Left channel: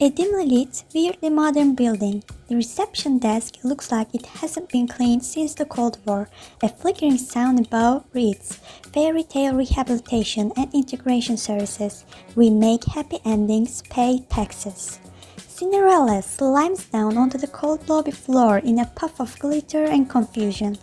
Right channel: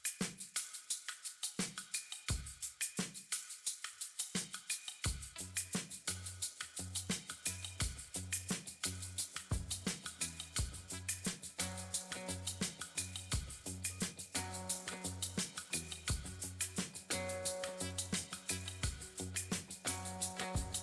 A dimly lit, weirdly modern building. The reception desk looks like it hasn't been cleaned since the Cold War. A flickering sound above reads, "Fairytale Rehabilitation and Integration Services. We make happy endings, pay taxes." Cinderella slimes down onto the cold lobby floor in a puff of glitter and confusion.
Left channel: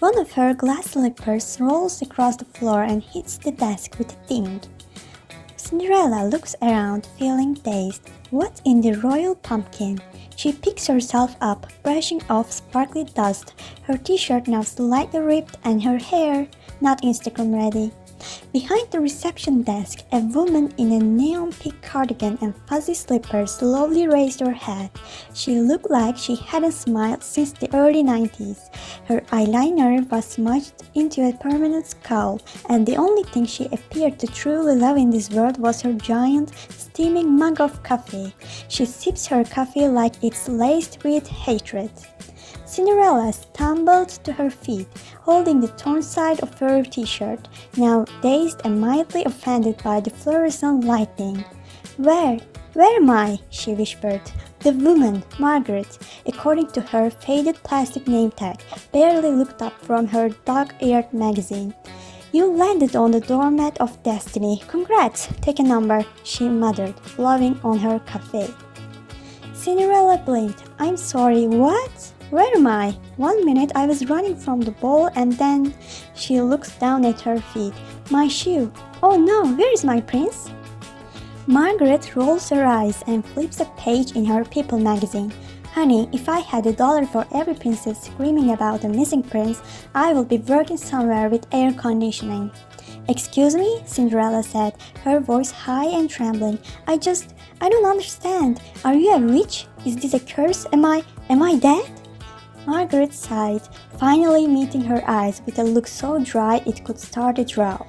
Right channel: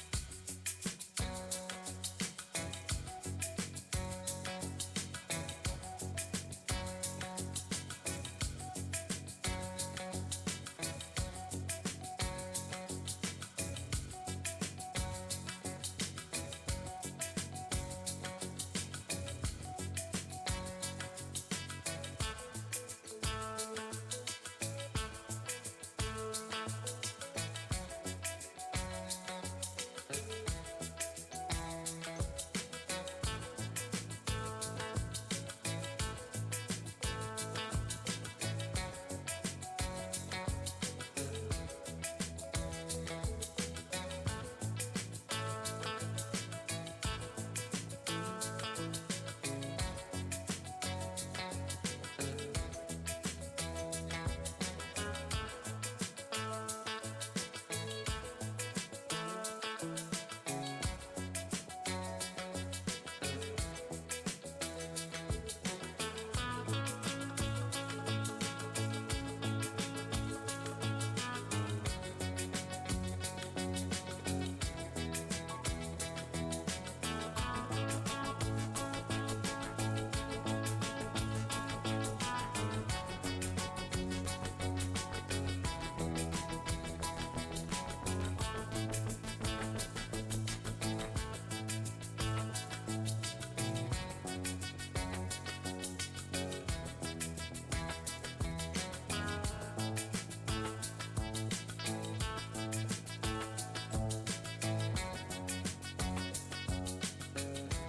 One of her glass slippers rolls across the floor and hits the desk with a ding. Cinderella looks around, feeling dazed. What in the royal pumpkin? She picks herself up, brushing off sparkly dust. Her t-shirt now slightly ripped and her hair not Instagram ready. Behind the reception desk, a woman in a neon pink cardigan and fuzzy slippers slowly raised her head. She looked like she hadn't smiled since the early 90s. Her eyeliner was smudged into a permanent scowl, and the only thing she appeared to truly love in this world was her giant, steaming mug of coffee. She sips her coffee like it's laced with hatred. Cinderella stumbled to her feet, holding the torn side of her t-shirt, now dazed and mildly offended by the fluorescent lighting. Where am I?" she whispered. The woman, Margaret, according to her faded plastic name tag, barely looked up from her dog-eared magazine. "You landed on the doormat of destiny. Congrats! Take a number," she muttered, blowing on her cafe. Cinderella blinked. "I'm sorry, what? Where am I? 1 minute I was running from the ball and then..." She looks down at her feet. "My shoe. Oh no, where is my prince?" Margaret rolls her eyes and flips a page in her People magazine. "Honey, if I had $1 for every princess screaming about a missing prince, I would be working somewhere with air conditioning." "Excuse me?" Cinderella said, her voice high and trembling. I don't understand. Are you a witch? Is this a curse? Am I dead?" Margaret sighed, finally meeting her eyes with a look so dry it could start a drought.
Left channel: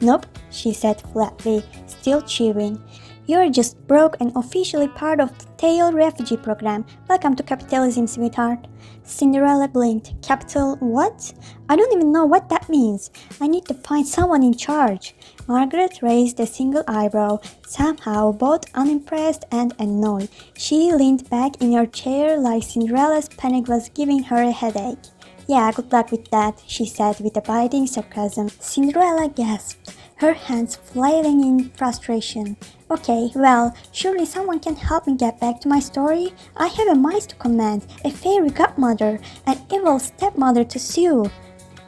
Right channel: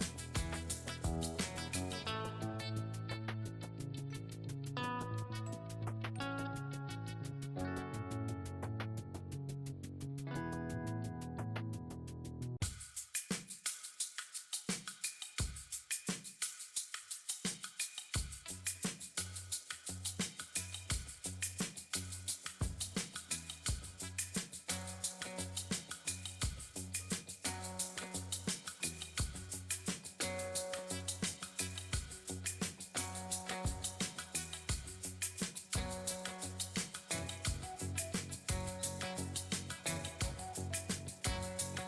"Nope," she said flatly, still chewing. "You're just broke and officially part of the Tail Refugee Program. Welcome to capitalism, sweetheart." Cinderella blinked. "Capital what? I don't even know what that means. I need to find someone in charge." Margaret raised a single eyebrow, somehow both unimpressed and annoyed. She leaned back in her chair like Cinderella's panic was giving her a headache. "Yeah, good luck with that," she said with a biting sarcasm. Cinderella gasped, her hands flailing in frustration. "Okay, well, surely someone can help me get back to my story. I have a mice to command, a fairy godmother, an evil stepmother to sue."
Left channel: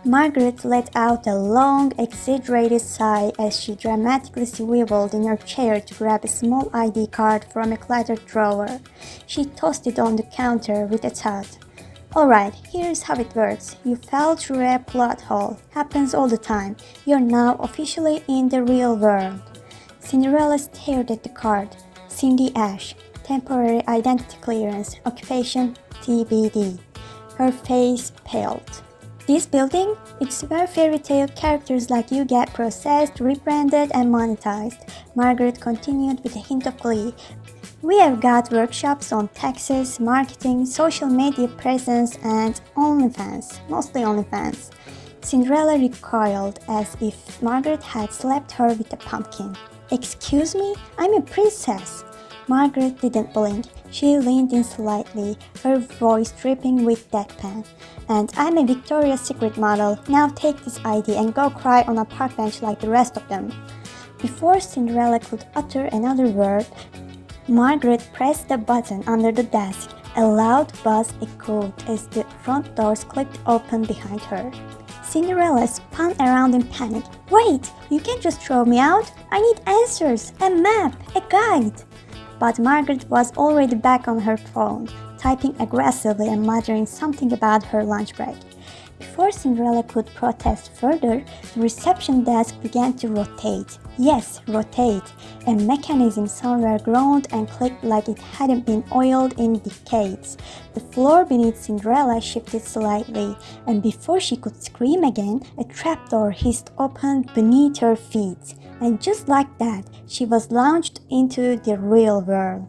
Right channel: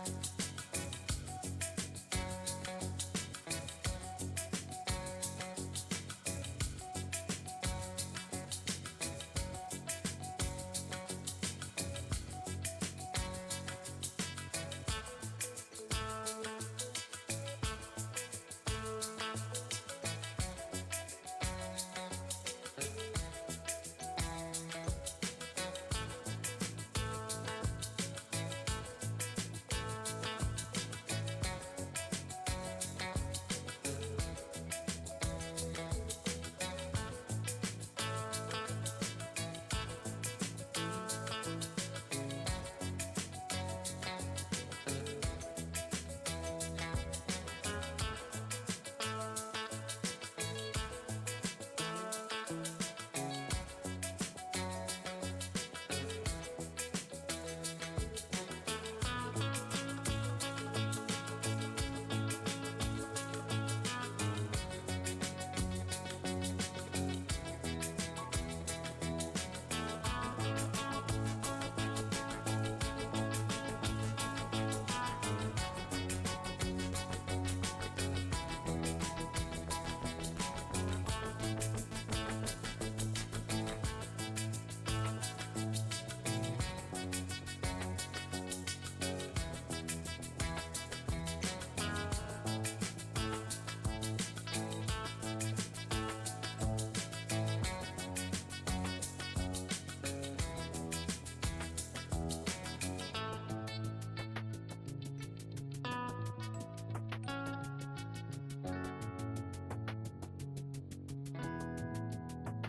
Margaret let out a long, exaggerated sigh as she dramatically swiveled in her chair to grab a small ID card from a cluttered drawer. She tossed it on the counter with a thud. "Alright, here's how it works. You fell through a plot hole. Happens all the time. You're now officially in the real world." Cinderella stared at the card. Cindy Ash, temporary identity clearance, occupation TBD. Her face paled. "This building? It's where fairy tale characters like you get processed, rebranded, and monetized," Margaret continued with a hint of glee. "We have got workshops on taxes, marketing, social media presence, and OnlyFans, mostly OnlyFans." Cinderella recoiled as if Margaret had slapped her with a pumpkin. "Excuse me? I'm a princess." Margaret didn't blink. She leaned in slightly, her voice dripping with deadpan. "And I'm a Victoria's Secret model. Now take this ID and go cry on a park bench like the rest of them." Before Cinderella could utter another word, Margaret pressed the button under the desk. A loud buzz echoed as the front doors clicked open behind her. Cinderella spun around in panic. "Wait, you can't just throw me out. I need answers, a map, a guide." But Margaret was already back on her phone, typing aggressively and muttering something about her lunch break. Before Cinderella could protest further, the reception desk began to rotate. Yes, rotate. A mechanism somewhere groaned and clicked like it hadn't been oiled in decades. The floor beneath Cinderella shifted slightly, and before she could scream again, a trapdoor hissed open beneath her feet. And just like that, she was launched into the real world.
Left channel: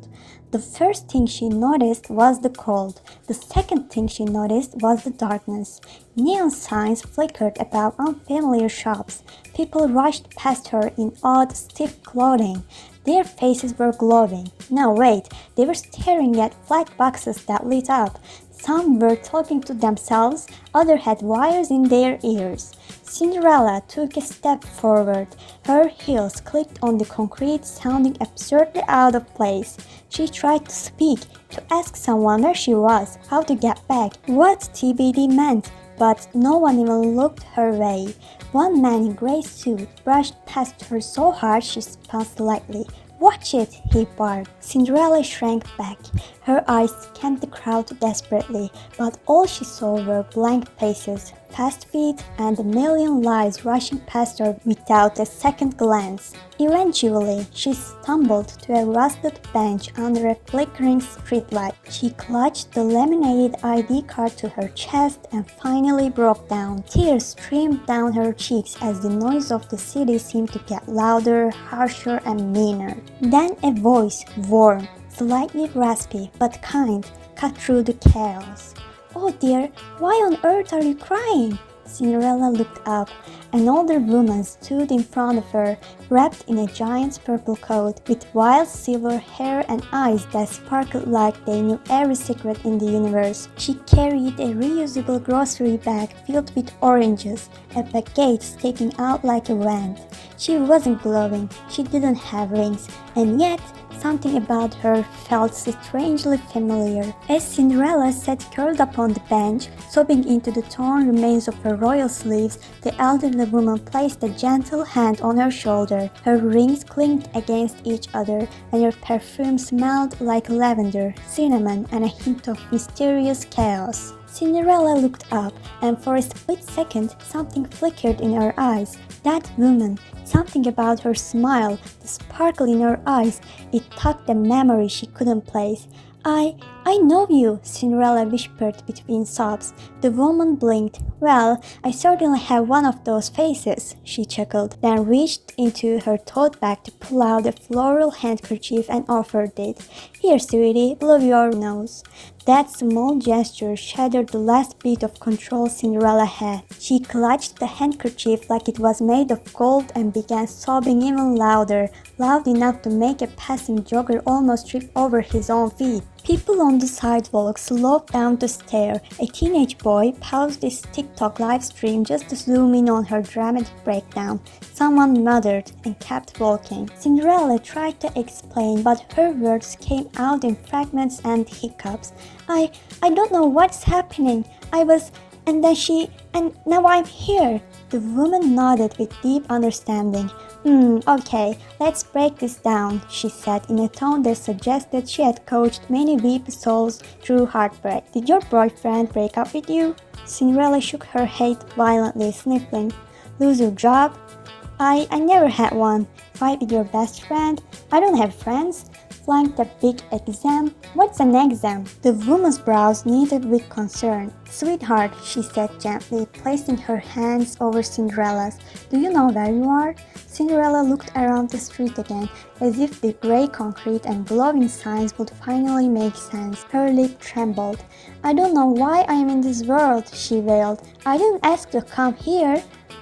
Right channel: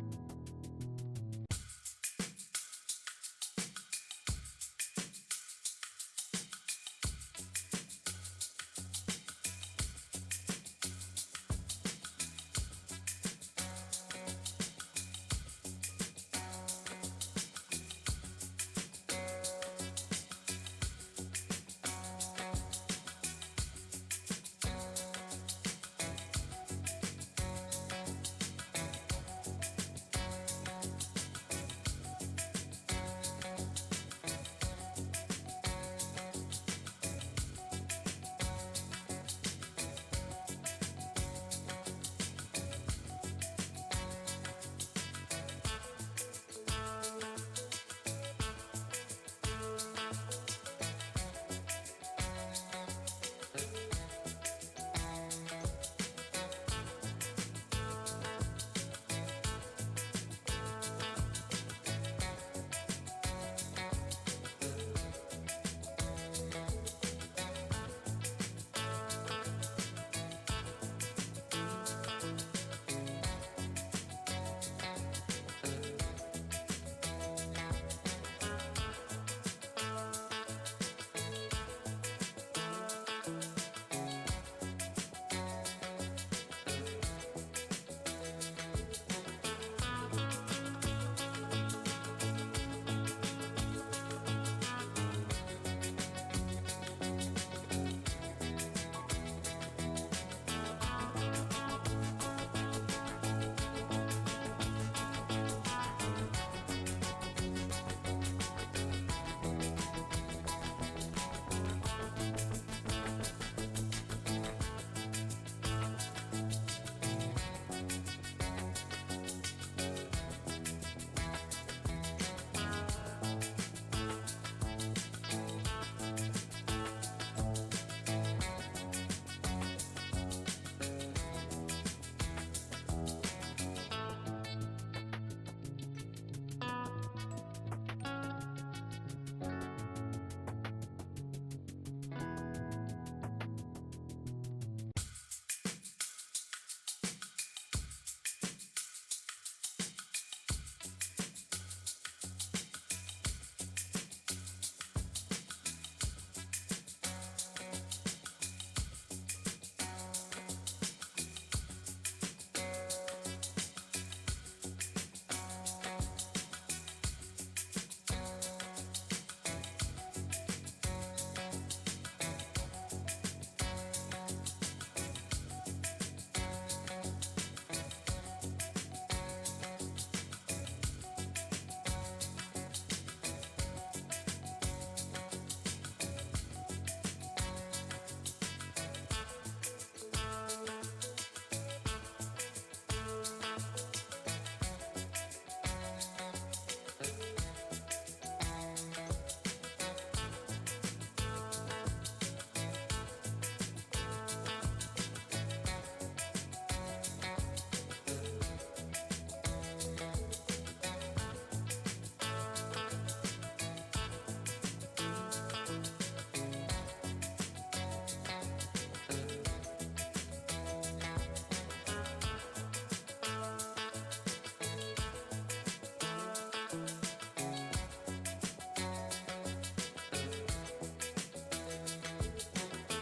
The first thing she noticed was the cold. The second thing she noticed was the darkness. Neon signs flickered about unfamiliar shops. People rushed past her in odd, stiff clothing. Their faces were glowing. No, wait, They were staring at flat boxes that lit up. Some were talking to themselves, others had wires in their ears. Cinderella took a step forward. Her heels clicked on the concrete, sounding absurdly out of place. She tried to speak, to ask someone where she was, how to get back, what TBD meant, but no one even looked her way. One man in a gray suit brushed past her so hard she spun slightly. "Watch it!" he barked. Cinderella shrank back. Her eyes scanned the crowd desperately, but all she saw were blank faces, fast feet, and a million lives rushing past her without a second glance. Eventually, she stumbled to a rusted bench under a flickering streetlight. She clutched the laminated ID card to her chest and finally broke down. Tears streamed down her cheeks as the noise of the city seemed to get louder, harsher, and meaner. Then a voice, warm, slightly raspy but kind, cut through the chaos. "Oh dear, why on earth are you crying?" Cinderella looked up. An older woman stood in front of her, wrapped in a giant's purple coat, with wild silver hair and eyes that sparkled like they knew every secret in the universe. She carried a reusable grocery bag filled with oranges, a baguette sticking out like a wand. She wasn't glowing, she didn't have wings, and yet something about her felt strangely familiar. As Cinderella sat curled up on the bench, sobbing into the torn remains of her royal sleeves, the elderly woman placed a gentle hand on her shoulder. Her rings clinked against each other, and her perfume smelled like lavender, cinnamon, and a hint of mysterious chaos. Cinderella looked up, and for a split second, something flickered in her eyes. That woman, something about her smile, the sparkle in her eyes, it tugged a memory she couldn't place. I know you," Cinderella whispered between sobs. The woman blinked. "Well, I certainly have one of those faces," she chuckled, then reached into her tote bag to pull out a floral handkerchief and offered it. "Here, sweetie, blow your nose." That small gesture shattered the last bit of control Cinderella had. She clutched the handkerchief like it was made of gold and began sobbing even louder, loud enough to make a passing jogger almost trip over his own feet. People on the sidewalk slowed down to stare. A teenage boy paused his TikTok live stream just to zoom in on her dramatic breakdown. Someone muttered and kept walking. Cinderella tried to explain, but her words came out in fragments and hiccups. I don't know what's happening. And now I'm here." The woman nodded with deep understanding. Okay, let's break this down," she said in a tone that suggested she had coached many weep souls through heartbreak. "Did your boyfriend break up with you?" Cinderella shook her head violently, sniffling. "Lose your job?" I never had one." "Fight with your best friend?" "I don't have friends." "Flunked a big exam?" "What's an exam?" The woman's brows knitted with concern. "Sweetheart," she said gently, placing her hands over Cinderella's, "do you know where you are?" Cinderella looked around the street again, as if the gray concrete and glowing signs would finally make sense. Her lip trembled. "I don't know why I am in this world," she wailed. "I didn't ask to come here.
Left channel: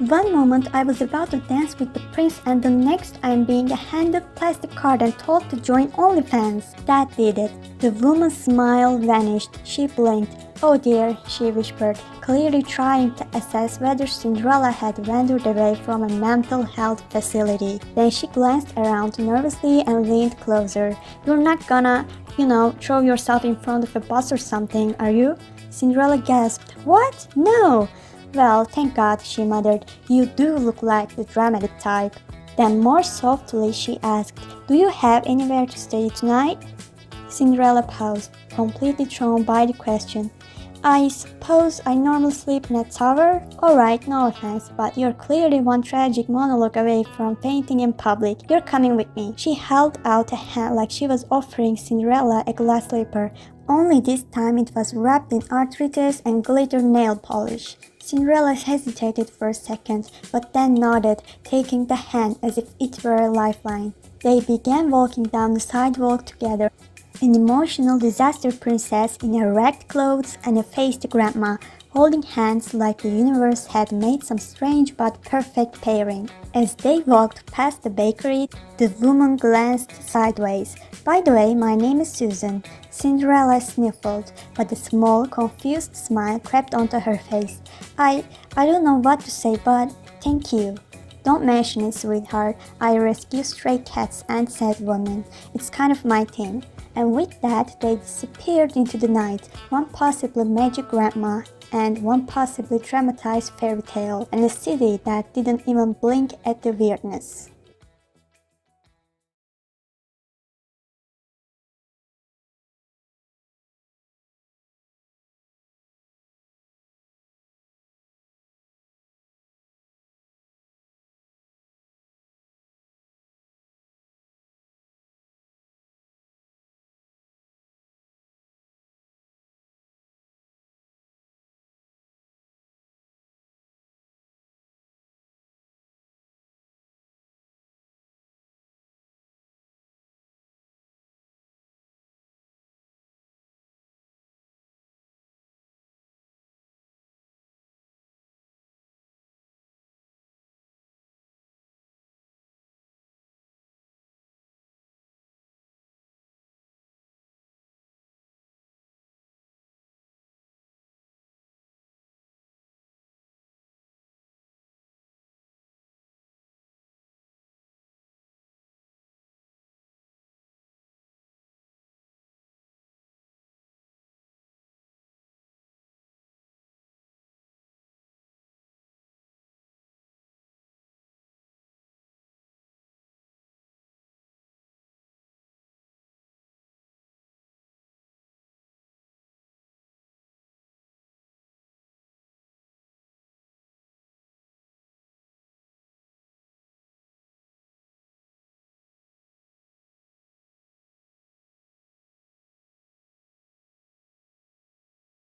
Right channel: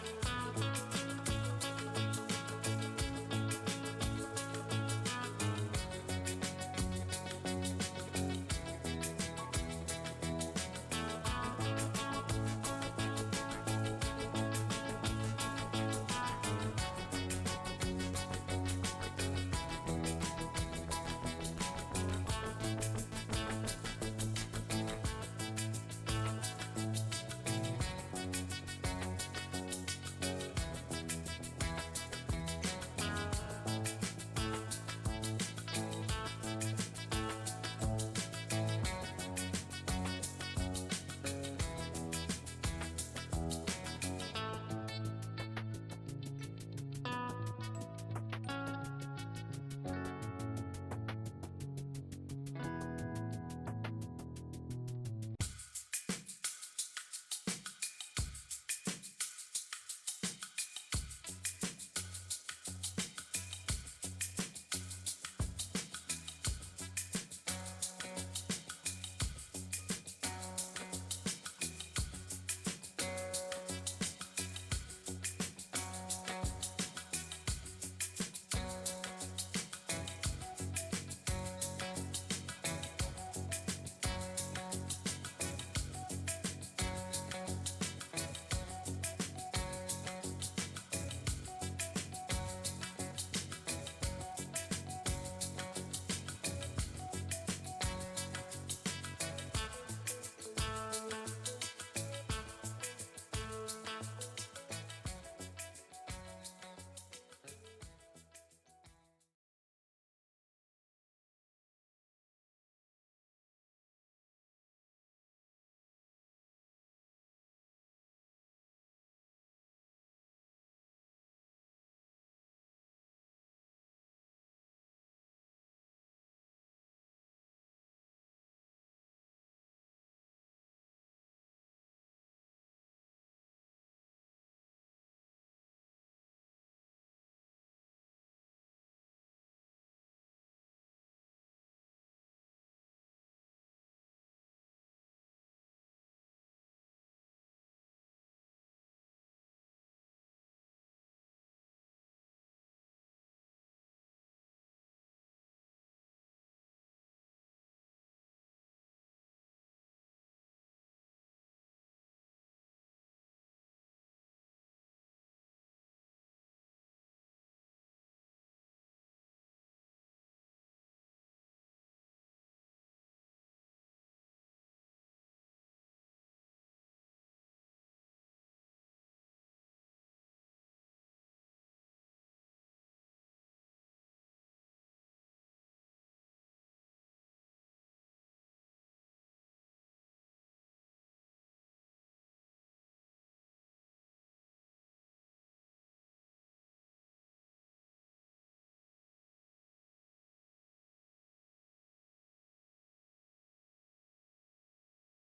One moment I was about to dance with the prince, and the next I am being handed a plastic card and told to join OnlyFans." That did it. The woman's smile vanished. She blinked. "Oh dear," she whispered, clearly trying to assess whether Cinderella had wandered away from a mental health facility. Then she glanced around nervously and leaned closer. "You're not gonna, throw yourself in front of a bus or something, are you?" Cinderella gasped. "What? No!" "Well, thank God," she muttered. "You do look like the dramatic type." Then more softly she asked, "Do you have anywhere to stay tonight?" Cinderella paused, completely thrown by the question. "I suppose I normally sleep in a tower? Alright, no offense, but you're clearly one tragic monologue away from fainting in public. You're coming with me." She held out a hand like she was offering Cinderella a glass slipper, only this time it was wrapped in arthritis and glitter nail polish. Cinderella hesitated for a second, but then nodded, taking the hand as if it were a lifeline. They began walking down the sidewalk together. An emotional disaster princess in her ragged clothes and a faced grandma, holding hands like the universe had made some strange but perfect pairing. As they walked past the bakery, the woman glanced sideways. "By the way, my name is Susan." Cinderella sniffled, but a small, confused smile crept onto her face. I don't know what to say, but thank you." "Don't mention it, sweetheart. I rescue stray cats and sad women. It's kind of my thing." And with that, they disappeared into the night, one possibly magic grandma and one possibly dramatized fairy tale, and a city that didn't even blink at the weirdness.